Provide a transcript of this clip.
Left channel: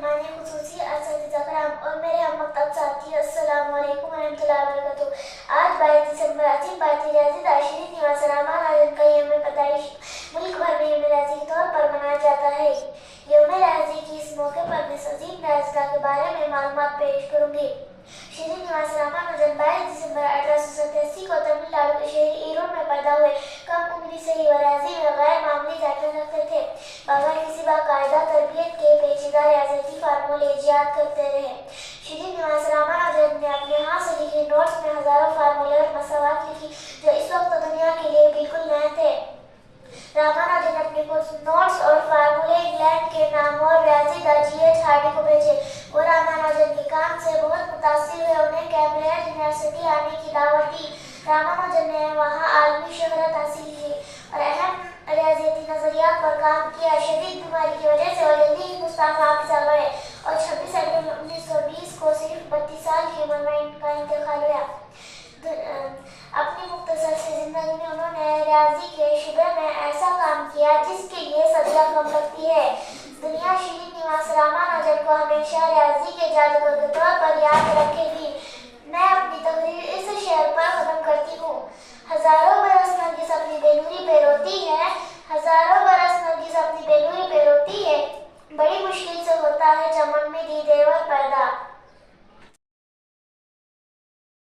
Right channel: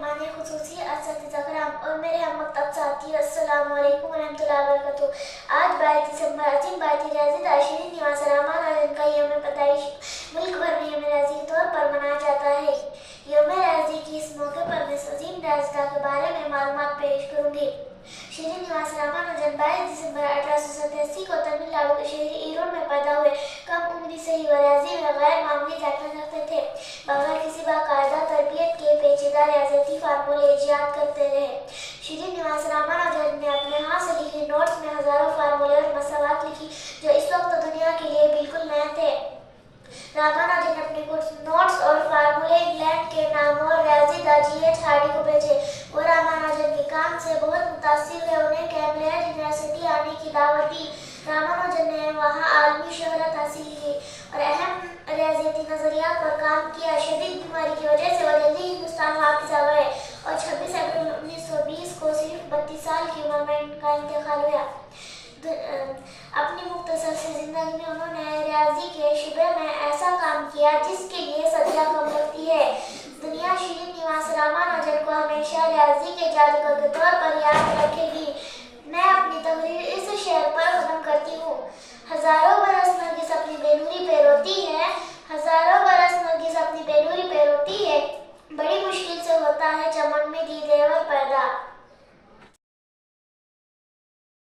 مہمان خصوصی اساتذہ کرام اور میرے ہم مکتب ساتھی، السلام علیکم ورحمۃ اللہ وبرکاتہ۔ آج 22 دسمبر عظیم بھارتی ریاضی داں شری نواس رامان آزاد کا یوم پیدائش ملک بھر میں یوم ریاضی کے طور پر منایا جاتا ہے۔ یوم ریاضی کی اس موقع پر میں اس عظیم ریاضی داں کے بارے میں معلومات پیش کروں گی۔ شری نواس رامانوجن 22 دسمبر 1887 کو تمل ناڈو کے شہر ایرور میں پیدا ہوئے۔ کم عمری سے ہی وہ ریاضی میں غیر معمولی ذائقہ رکھتے تھے۔ بغیر کسی باقاعدہ تربیت کے پیچیدہ ریاضیاتی فارمولے ایجاد کرتے رہے۔ شری نواس رامانوجن نے اپنے ہاتھ سے لکھے نوٹس میں ہزاروں فارمولے اور مساوات لکھی جو اس وقت دنیا کے لیے بالکل نئے تھے۔ رامانوجن نے اپنے کچھ نوٹس اور فارمولے انگلینڈ کے نامور ریاضی داں جی ایچ ہارڈی کو بھیجے۔ وہ رامانوجن کے کام سے بہت متاثر ہوئے، انہیں کیمبرج یونیورسٹی آنے کی دعوت دی۔ رامانوجن نے وہاں عالمی شہرت حاصل کی اور اہم ریاضیاتی نظریات پر کام کیا۔ شدید بیماری کی وجہ سے وہ جلدی ہندوستان واپس آ گئے اور 26 اپریل 1920 کو صرف 32 سال کی عمر میں ان کا انتقال ہوا۔ اپنی مختصر سی زندگی میں انہوں نے ریاضی کے شعبے میں ایسا کام کیا جس کے لیے صدیاں کم لگتی ہے۔ دنیا شری نواس رامانوجن کو ہمیشہ ریاضی کے جادوگر کے طور پر یاد رکھے گی۔ میں اپنی تقریر اس شعر پر ختم کرتی ہوں۔ ہزاروں برس نرگس اپنی بے نوری پہ روتی ہے، ہزاروں برس نرگس اپنی بے نوری پہ روتی ہے، بڑی مشکل سے ہوتا ہے چمن میں دیدے ور پیدا۔